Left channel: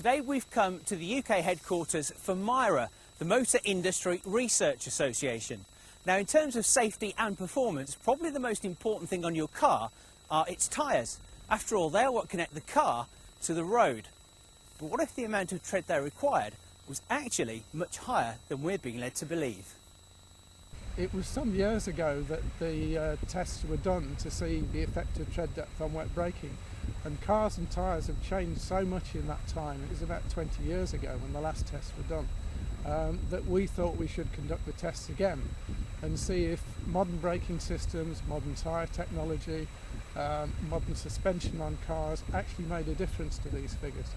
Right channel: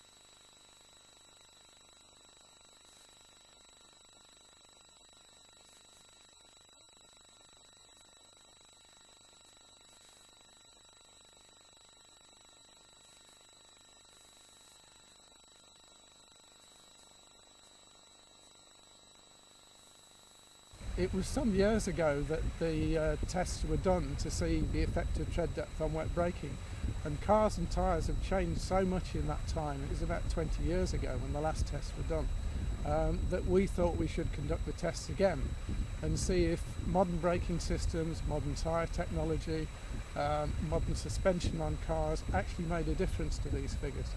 Today we've come to the UK headquarters for MIRA, the Motor Industry Research Association. Now, in terms of safety and performance, probably the most important thing on your car are its tyres. After all, they're what connect the car to the road. But what if the amount of tread they required was actually much higher than we're being led to believe? It was some years ago that the tests were done to see the effect of tread depth on wet braking, and cars and tyres have changed so much in that time. It was about 20 years ago when the last tests were done, that we thought we should conduct the tests again and see if modern braking systems, modern tyre technology, modern suspension on cars actually made a difference to these figures.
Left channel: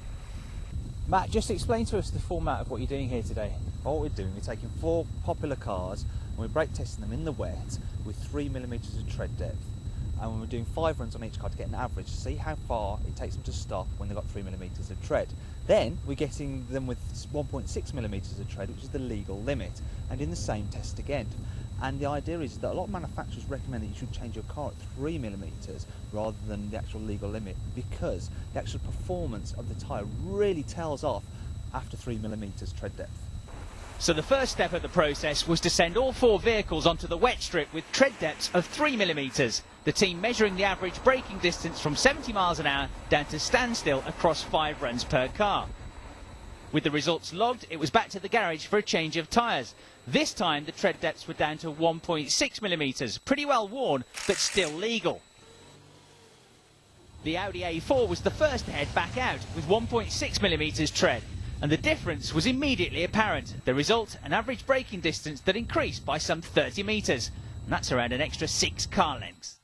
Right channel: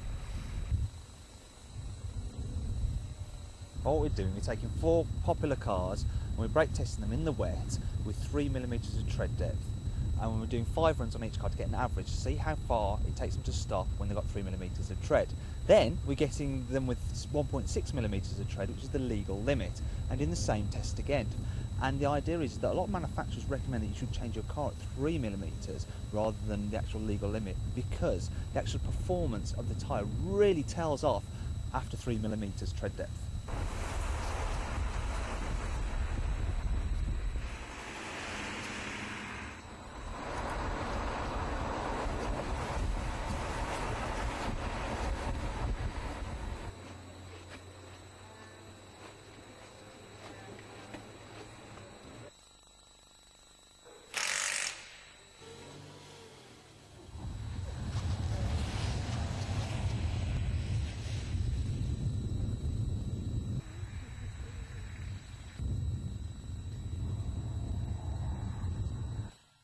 Matt, just explain to us the format of what you're doing here today. What we're doing, we're taking 4 popular cars and we're brake testing them in the wet with 3mm of tread depth, and we're doing 5 runs on each car to get an average to see how far it takes them to stop when they've got 3mm of tread. Then we're getting them with 1.6mm of tread, which is the legal limit, and in the same test again. And the idea is that a lot of manufacturers recommend that you should change your car at 3mm rather than the actual legal limit, because the actual performance of the tyre really tails off after 3mm tread depth. So the first step of the process was to send all 4 vehicles onto the wet strip with tread depths of 3mm. The team measuring the average braking distance from 70 miles an hour down to standstill across 5 runs per car. With the results logged, it was back to the garage for a change of tyres. This time the tread depths were down to 1.6mm, pretty well worn, but still legal. The Audi A4 was the first to head back out with 1.6mm tread, and the difference was immediately apparent. The result, an average braking distance that increased by some 30 metres, and that's around an extra 6 car lengths.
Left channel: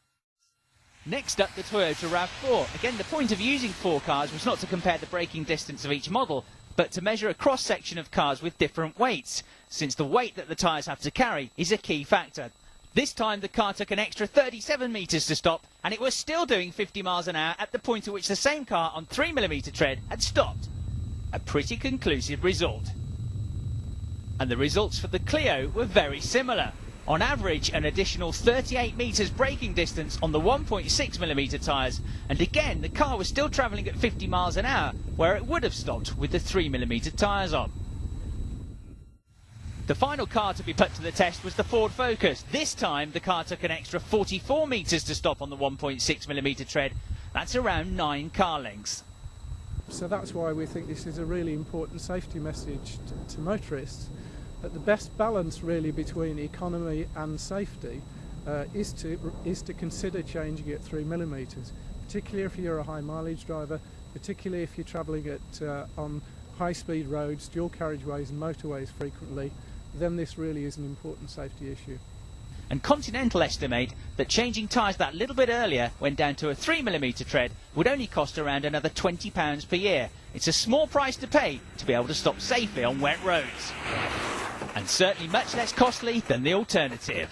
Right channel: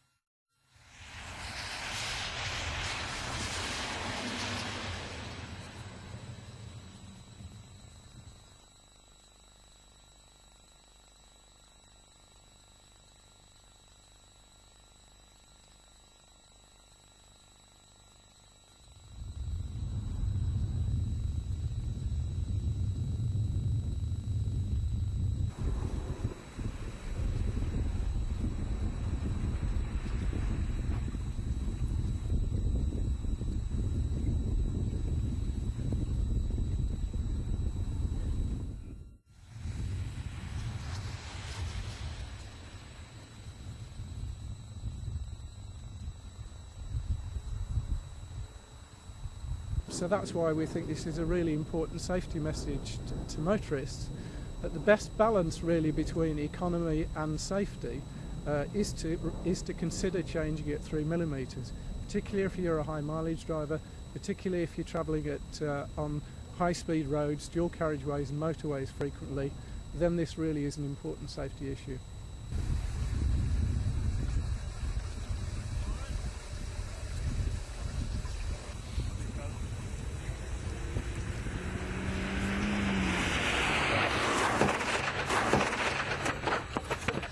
Next up, the Toyota RAV4. Again, the point of using 4 cars was not to compare the braking distance of each model, but to measure a cross-section of cars with different weights, since the weight that the tyres have to carry is a key factor. This time the car took an extra 37 metres to stop, and it was still doing 50 miles an hour at the point at which the same car on 3mm tread had stopped. A pretty conclusive result. And the results for the Clio were very similar. On average, an additional 38 metres braking distance on the 1.6mm tyres, and again the car was still travelling at 50 miles an hour where it would have stopped with the 3mm tyres on. The final car to be put to the test was the Ford Focus. This time the car took an extra 44 metres to stop on the 1.6mm tread. That's around 9 car lengths. So that's why we think this is a really important safety message to motorists, that the best balance really between economy and safety is to consider changing at 3mm, particularly if you're a high mileage driver, particularly if you're travelling on high speed roads, dual carriageways and motorways frequently. Then this really is an important safety issue. And Continental estimate that changing tyres that little bit earlier, when down to a 3mm tread, would only cost around another £20 per year. It's a small price to pay to be able to stop safely on wet roads, and certainly much less costly than the alternative.